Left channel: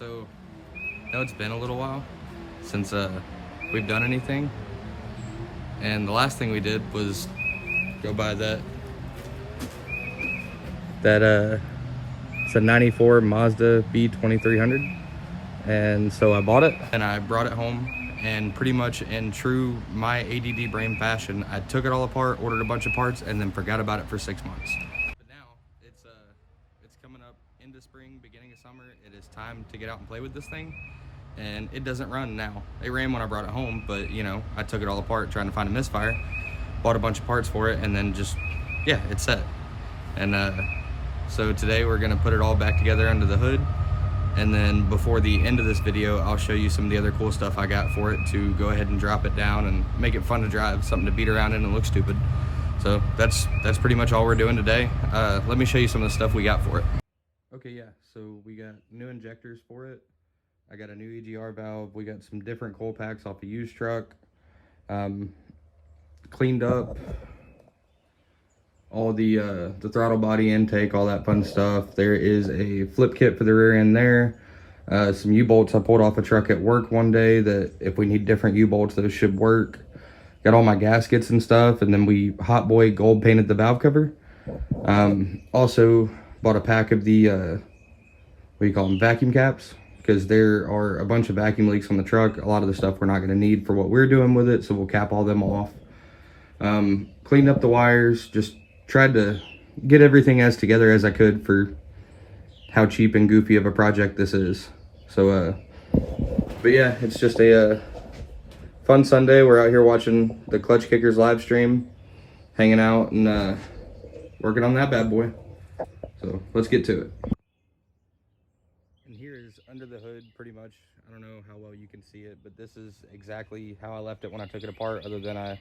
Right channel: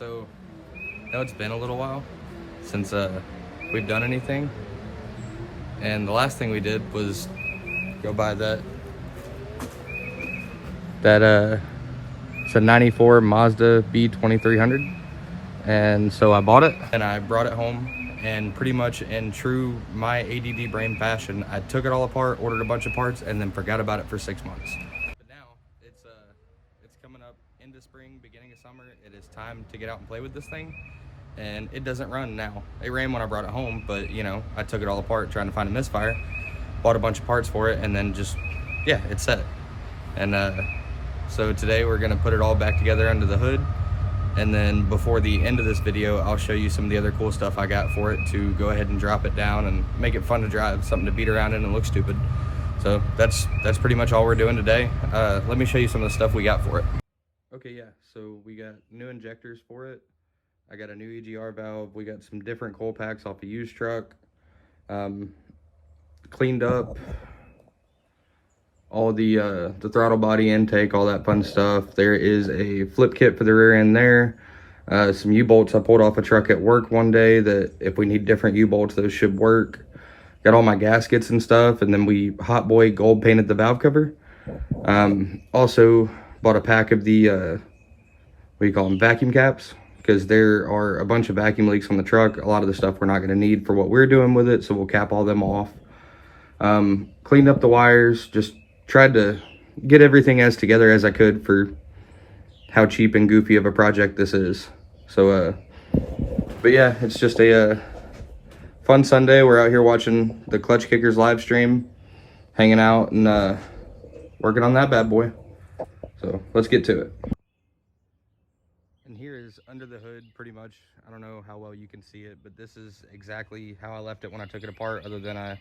So, I know it's been a little while since we've done anything, and the last thing we did was go buy that it's a 94 Mazda B2300, and so I bought it and I brought it home, and pretty much in true my ADD brain fashion, I took it all apart, ordered a bunch of parts, and then forgot about it for 6 months. But now it's coming up into spring, beginning of summer. It is time to get out and play with this thing, and it doesn't run now. It ran when I brought it home, but you know, I took it all apart trying to find a misfire, bought a bunch of parts for it, and then just, yeah, it's set. And so today we're gonna put it all back together under the hood, and then before the end of this video, I'll show you some of the other cool stuff I got for it to go ahead and drop it down and make it fun to drive, something to beat around in and look stupid. So that's pretty much all we're doing today. Let me show you some of the stuff we got for it. Okay, yeah, so we got new injectors for it. I got a new EGR valve. We got some different coal packs off a used truck. Cleaned up all the throttle body intake, all that fun stuff. There is a flip kit for the rear end there. Some U-bolts I pulled off a truck at work one day that if we need different U-bolts, those should work. Got all my gaskets and stuff, and then we hot boy gold painted the valve cover. Also bought a pack of the, what do you call them, vacuum caps, because there are a bunch of vacuum leaks on the truck. A lot of the stuff we're not going to need for what we're doing with it, so we'll cap all them off. Cleaned up the wires, just tried to get everything as together as I could for how cheap and goofy of a project this is. So, but yeah, it's just a fun Sunday. We're out here watching the Clutch Kickers live stream, hanging out and working on that bad boy. So let's get to it. And here is under the hood, pretty much. I don't know how well you can see it, but this is exactly how I left it when I took it apart, other than I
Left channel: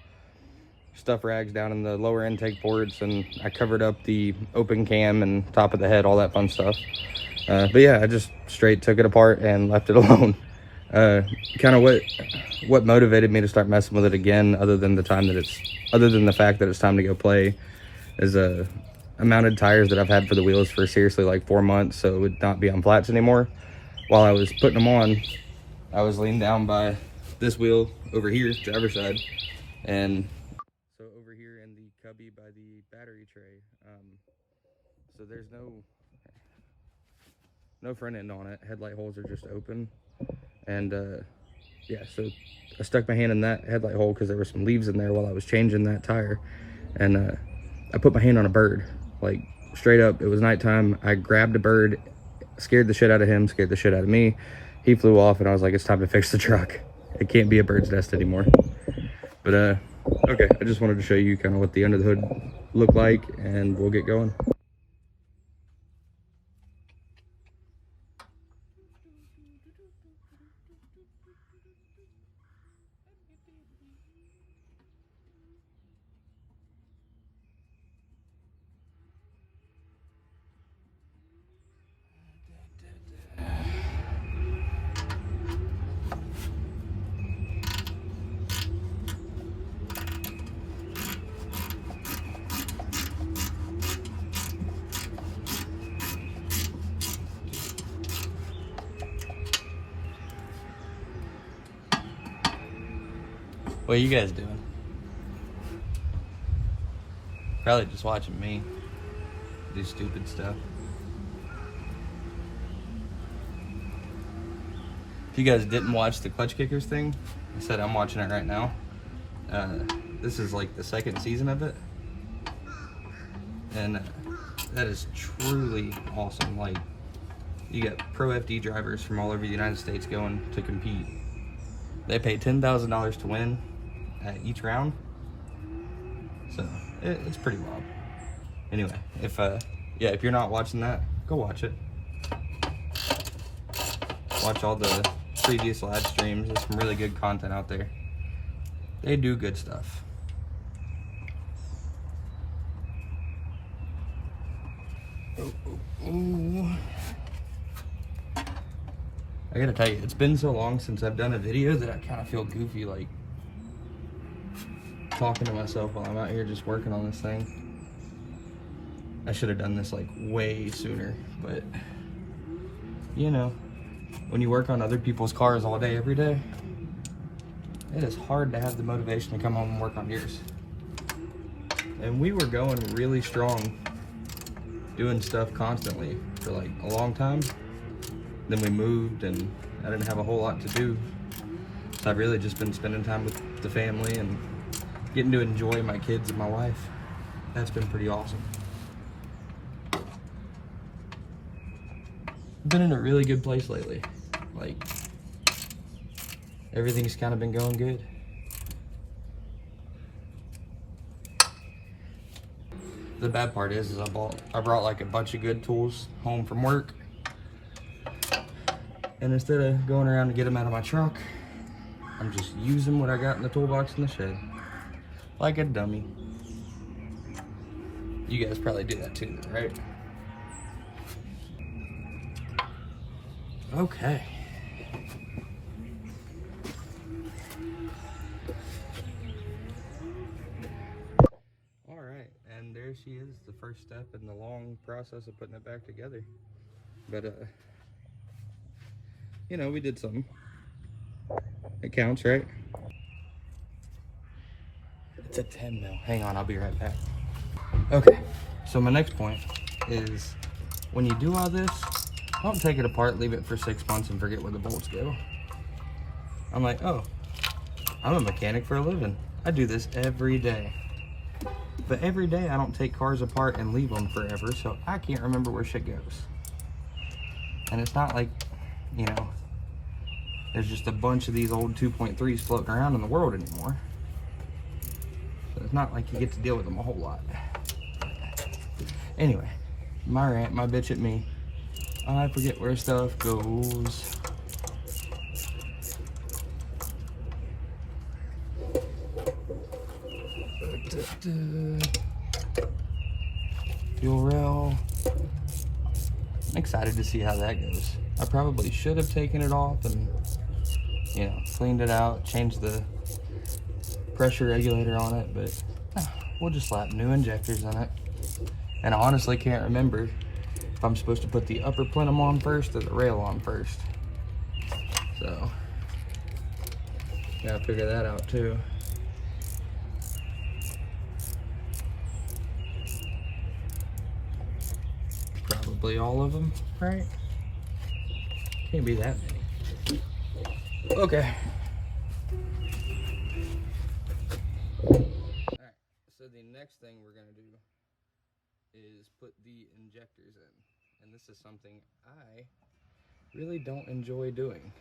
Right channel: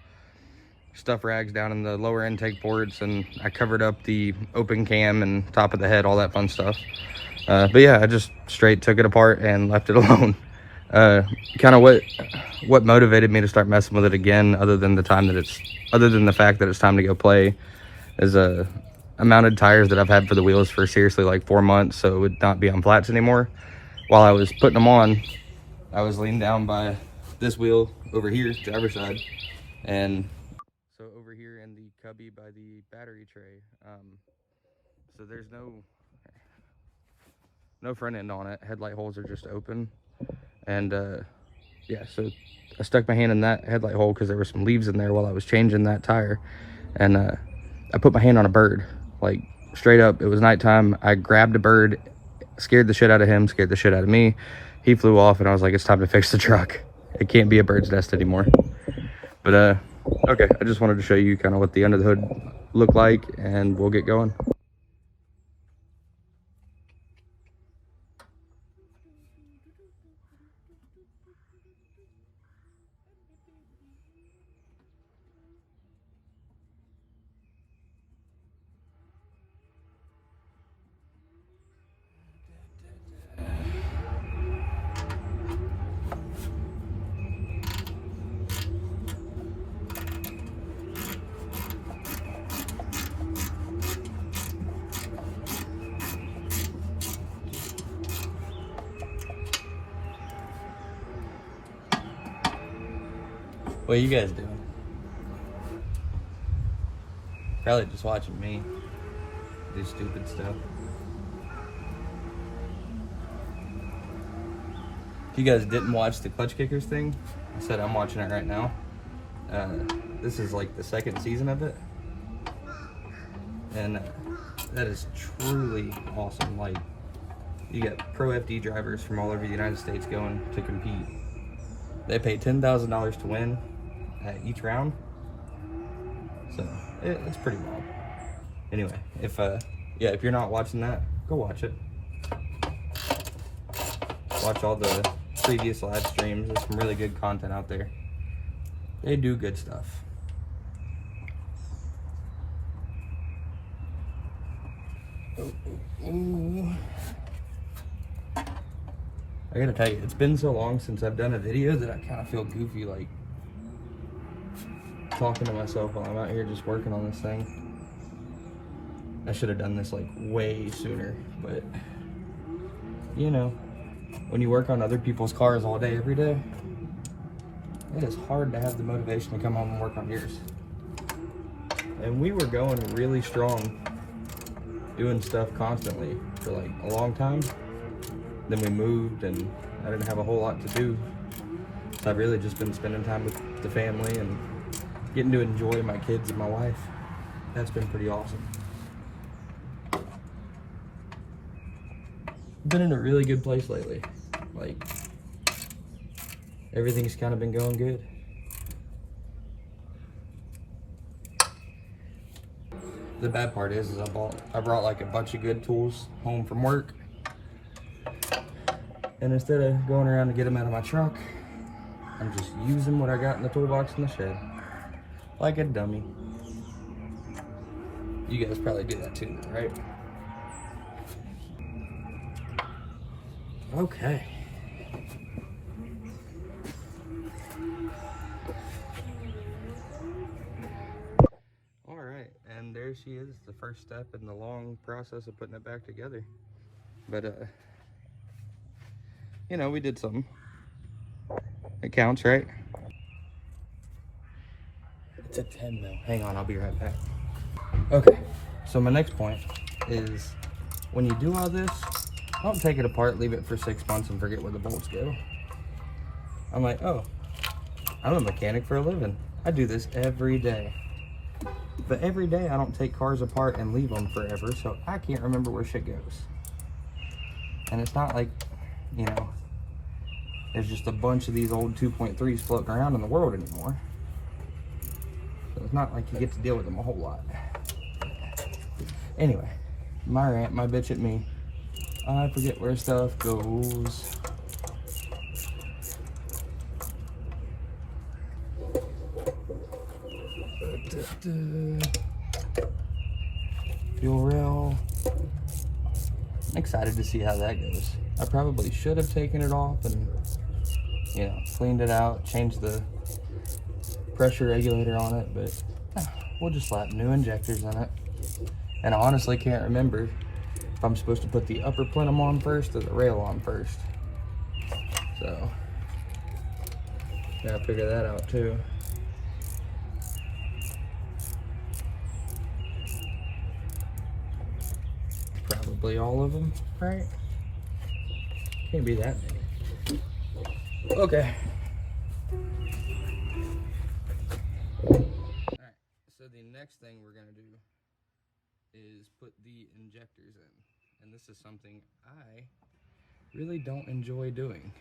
stuff rags down in the lower intake ports, and I covered up the open cam and top of the head, all that fun stuff. But yeah, I just straight took it apart and left it alone. Kind of what motivated me to start messing with it again, other than the fact that it's time to go play, is I mounted tires that I've had for the wheels for seriously like 4 months, so it would not be on flats anymore. While I was putting them on, I was leaned down by this wheel over here, driver's side, and so over here in the cubby by the battery tray. So there's no front end on it. Headlight holes are just open, and yeah, so I stuck my hand in that headlight hole because there were some leaves in there while I was changing that tire, and I put my hand on a bird, like straight up. It was nighttime. I grabbed a bird, scared the shit out of him, scared the shit out of me. He flew off, and I was like, it's time to fix the truck. It can't be a bird's nest anymore. But okay, I just wanted to show you kind of what the under the hood looked like, and we'll get going. What are you guys doing? Probably just watching me do stupid stuff. If you guys didn't watch the Clutch Kickers thing, I said I'm watching it right now. This is like the second season of it, and that is truly awesome. Like, you get pro FD drivers from all over the United States going to compete. They pay $10,000 to win at each round, so it's pretty wild. Anyway, if you're not watching that, go watch it. Watch all the previous live streams. There's some really good content out there. They do good stuff. Ooh. I gotta tell you, it's been so long since I've done a video that I kind of feel goofy, like talking to myself while I'm out here just working on this thing. I should have done this like way sooner, but you know, when you work on other people's cars all day, every day, it is hard to have the motivation to come home and work on yours. And we were going really strong, doing stuff constantly for like a long time. Then we moved and I didn't have a whole lot to do. So I've really just been spending time with the family and getting to enjoy my kids and my wife. That's been pretty awesome. I've been in a really good place lately. Like, everything's kind of been going good. The bad part is I brought like a bunch of good tools home from work. And instead of going around to get them out of my truck, I'm just using what I got in the toolbox in the shed. Like a dummy. You guys probably do that too, right? Okay. All right, and there she is, the first step in the long process of putting it back together. But you know, we did something. It counts, right? It's a 10 mil. Hang on, I'll be right back. Okay, so my next point is when you do all this, don't take it apart, leave it for 6 months and forget where the bolts go. I'm like, oh, I'm a mechanic for a living. I do this every day. But every day I don't take cars apart and leave them forever, so I can't remember where shit goes. And it's not like, you know, there's just a bunch of these old 2.3s floating around in the world anymore. So it's not like you get to deal with them a whole lot. Anyway, my rant, my bitch at me. I forget where stuff goes. Fuel rail. I'm excited to see how that goes. I probably should have taken it off and, you know, cleaned it out, changed the pressure regulator on it, but we'll just slap new injectors in it. And I honestly can't remember if I'm supposed to put the upper plenum on first or the rail on first. So, gotta figure that out too. Probably all of them, right? Can't be that many. Okay. Alright, so the next thing we're gonna do is put the injectors in. And this is something I really don't enjoy doing.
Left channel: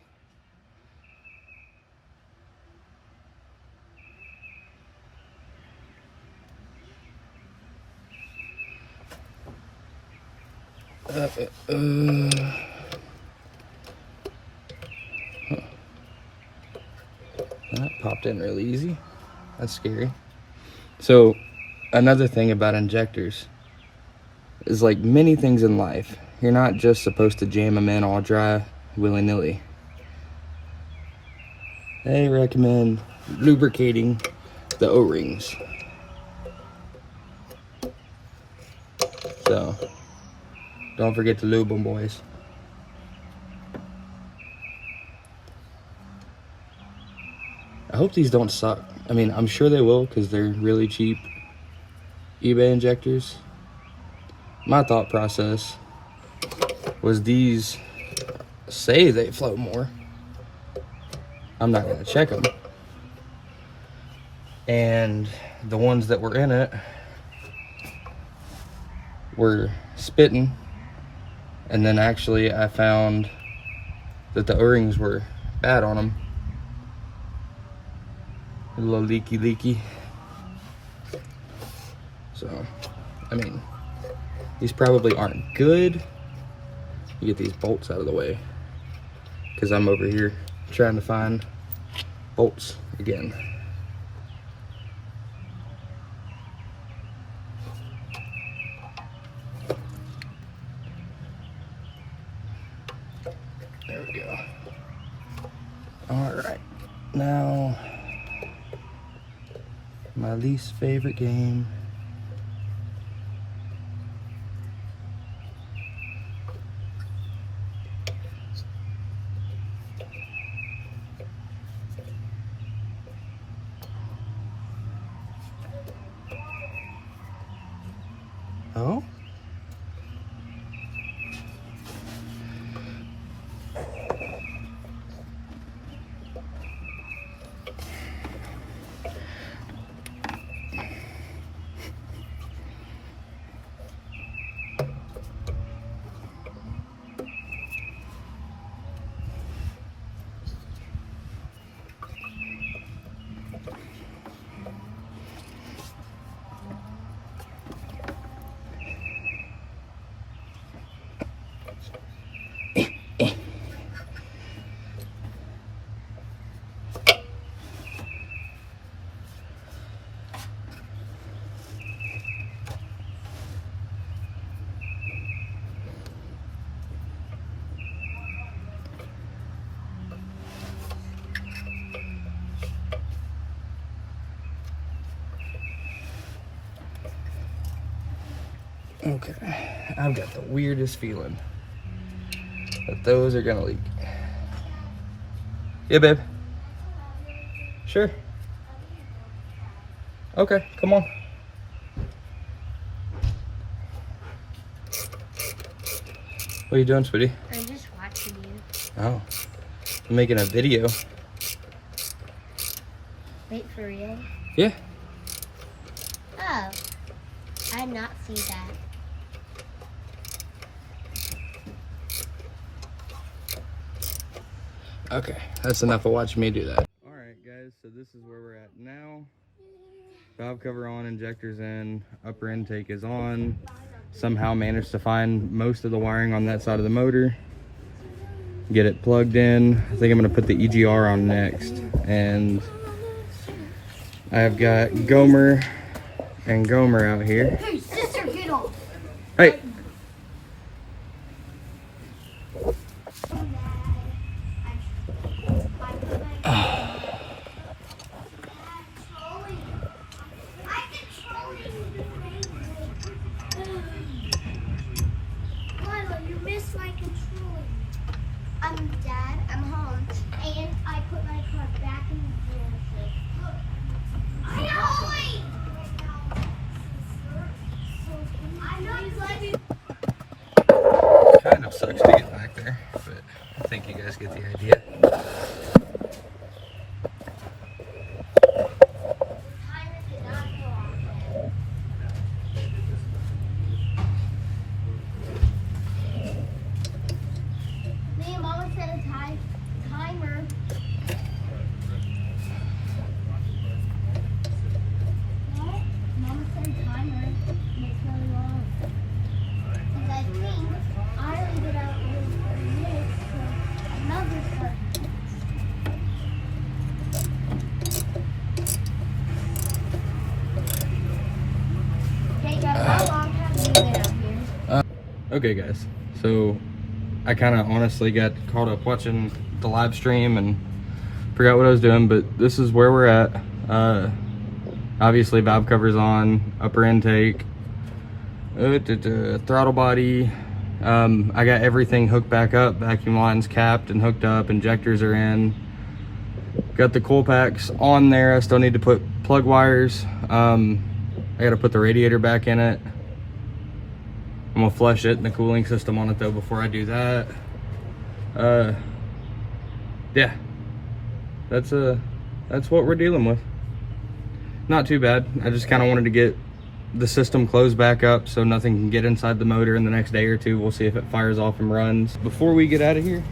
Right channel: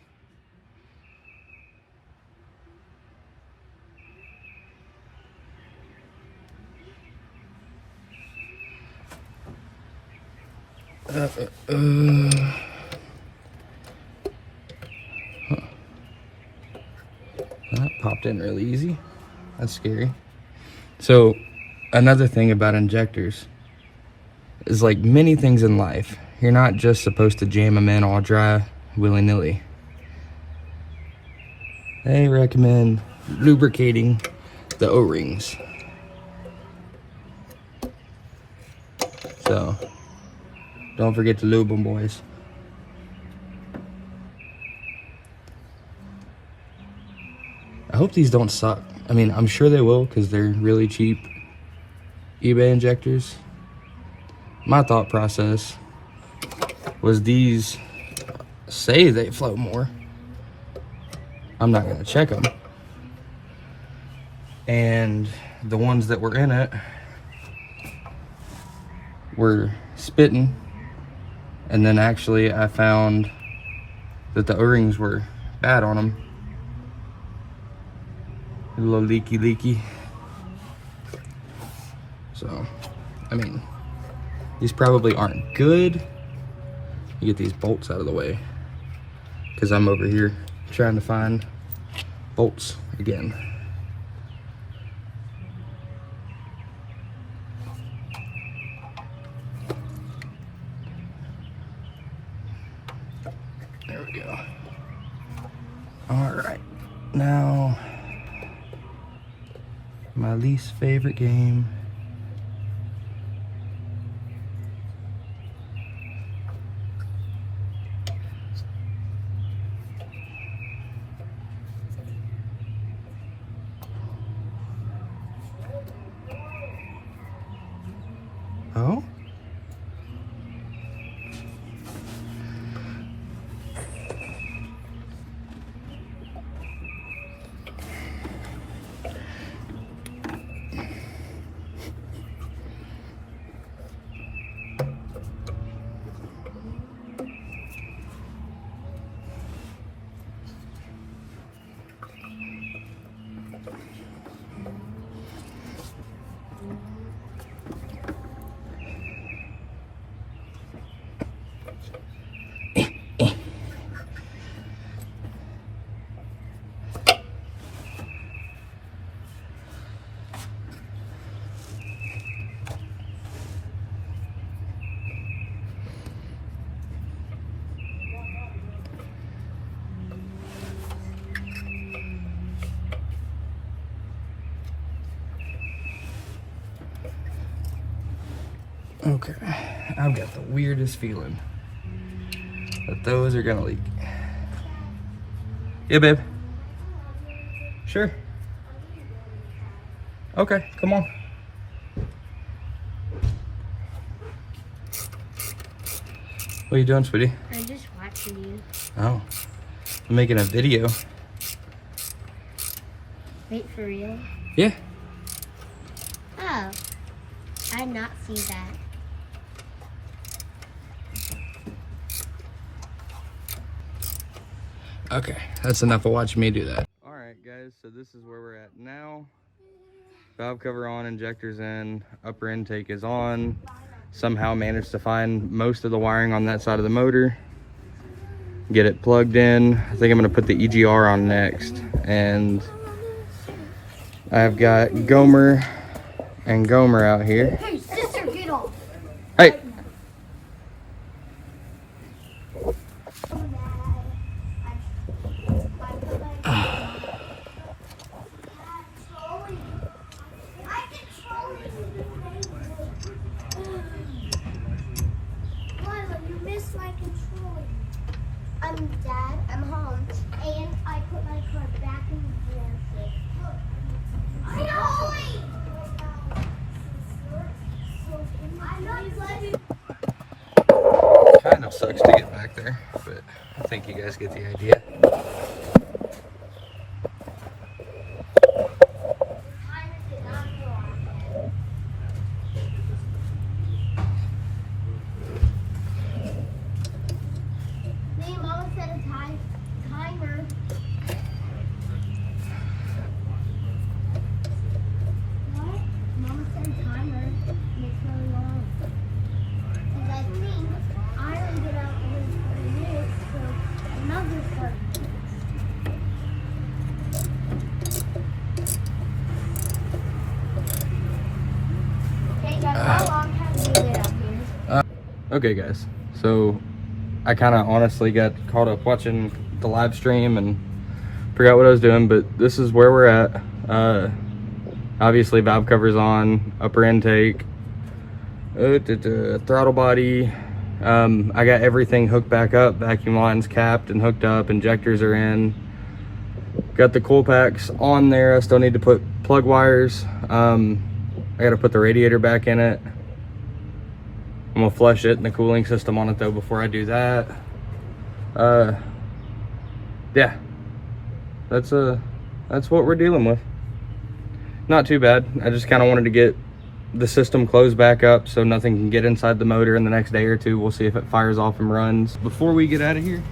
That popped in really easy. That's scary. So, another thing about injectors is, like many things in life, you're not just supposed to jam them in all dry willy-nilly. They recommend lubricating the O-rings. So, don't forget to lube them, boys. I hope these don't suck. I mean, I'm sure they will because they're really cheap eBay injectors. My thought process was these say they flow more. I'm not gonna check them. And the ones that were in it were spitting. And then actually I found that the O-rings were bad on them. A little leaky. So, I mean, these probably aren't good. You get these bolts out of the way, because I'm over here trying to find bolts again. There we go. Alright, now my least favorite game. Oh. Okay, I've got the weirdest feeling that those are gonna leak. Yeah, babe. Sure. Okay, come on. What are you doing, sweetie? I'm just watching you. Oh, I'm making a video. Wait, for real? Yeah. Oh, I did not see that. Okay, that's enough of watching me do that. All right, guys, so this is where we're at now. Valve cover on, injectors in, upper intake is on. Somehow managed to find most of the wiring on that side of the motor. Get it plugged in. I think I'm gonna put the EGR on next. And I've got Gomer and Gomer out here. Hey, sister, get off. Hey. Dad, I'm home, and I put my car back in the dealership. Kind of sucks to get back there, but I think you guys get the idea. Mama set a timer. What? Mama set a timer. It's really long. Because I think I already did out over 30 minutes, so another 30 minutes. Okay, guys, how long have you been out here? Okay, guys, so I kind of honestly got caught up watching the live stream and forgot what I was doing, but this is where we're at. Obviously valve covers on, upper intake, throttle body. I got everything hooked back up, vacuum lines capped and hooked up, injectors are in. Got the cool packs on there. I still need to put plug wires. I got to put the radiator back in it. I'm gonna flush it and the cooling system on it though before I do that. Yeah, that's what we're dealing with. Not too bad. I just kind of wanted to get the system closed back up so nothing can get inside the motor in the next day or two. We'll see if it fires off and runs. Before we get out of here,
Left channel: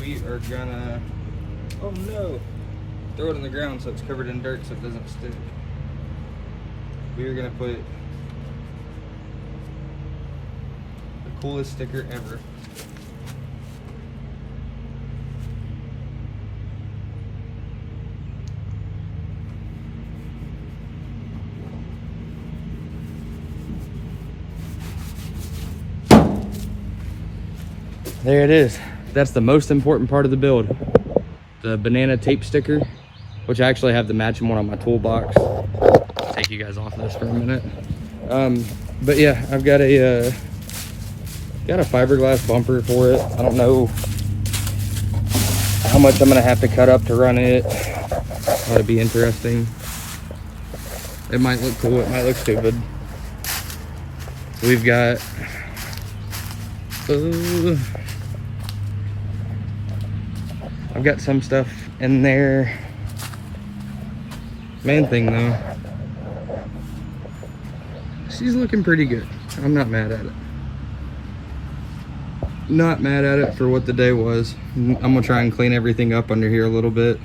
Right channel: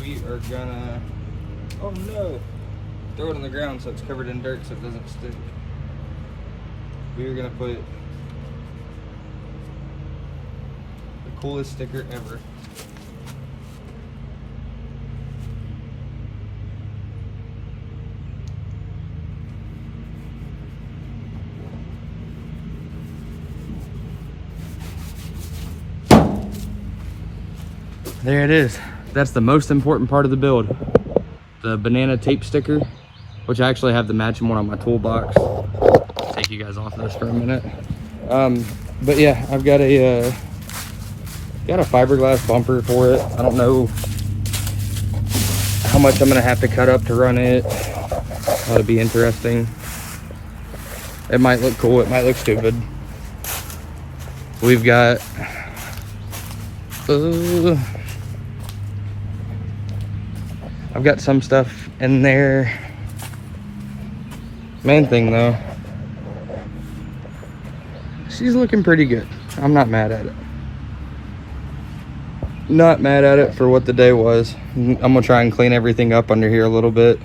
we are gonna, oh no, throw it on the ground so it's covered in dirt so it doesn't stick. We are gonna put coolest sticker ever. There it is. That's the most important part of the build. The banana tape sticker, which I actually have the matching one on my toolbox. Take you guys off this for a minute. But yeah, I've got a fiberglass bumper for it. I don't know how much I'm gonna have to cut up to run it. Ought to be interesting. It might look cool, it might look stupid. We've got I've got some stuff in there. Main thing though, she's looking pretty good. I'm not mad at it. Not mad at it for what the day was. I'm gonna try and clean everything up under here a little bit.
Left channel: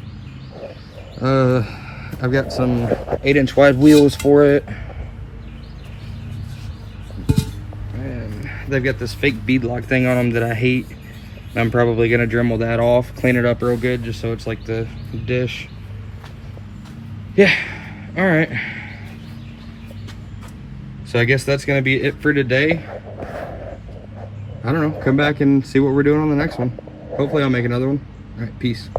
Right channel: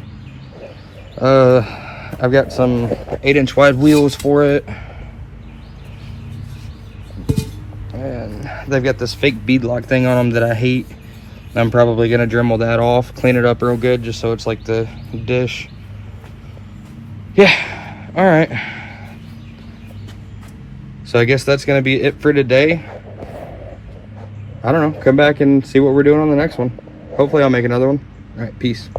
I've got some 8-inch wide wheels for it. And they've got this fake beadlock thing on them that I hate. I'm probably gonna Dremel that off, clean it up real good just so it's like the dish. Yeah, all right. So I guess that's gonna be it for today. I don't know, come back and see what we're doing on the next one. Hopefully I'll make another one. All right, peace.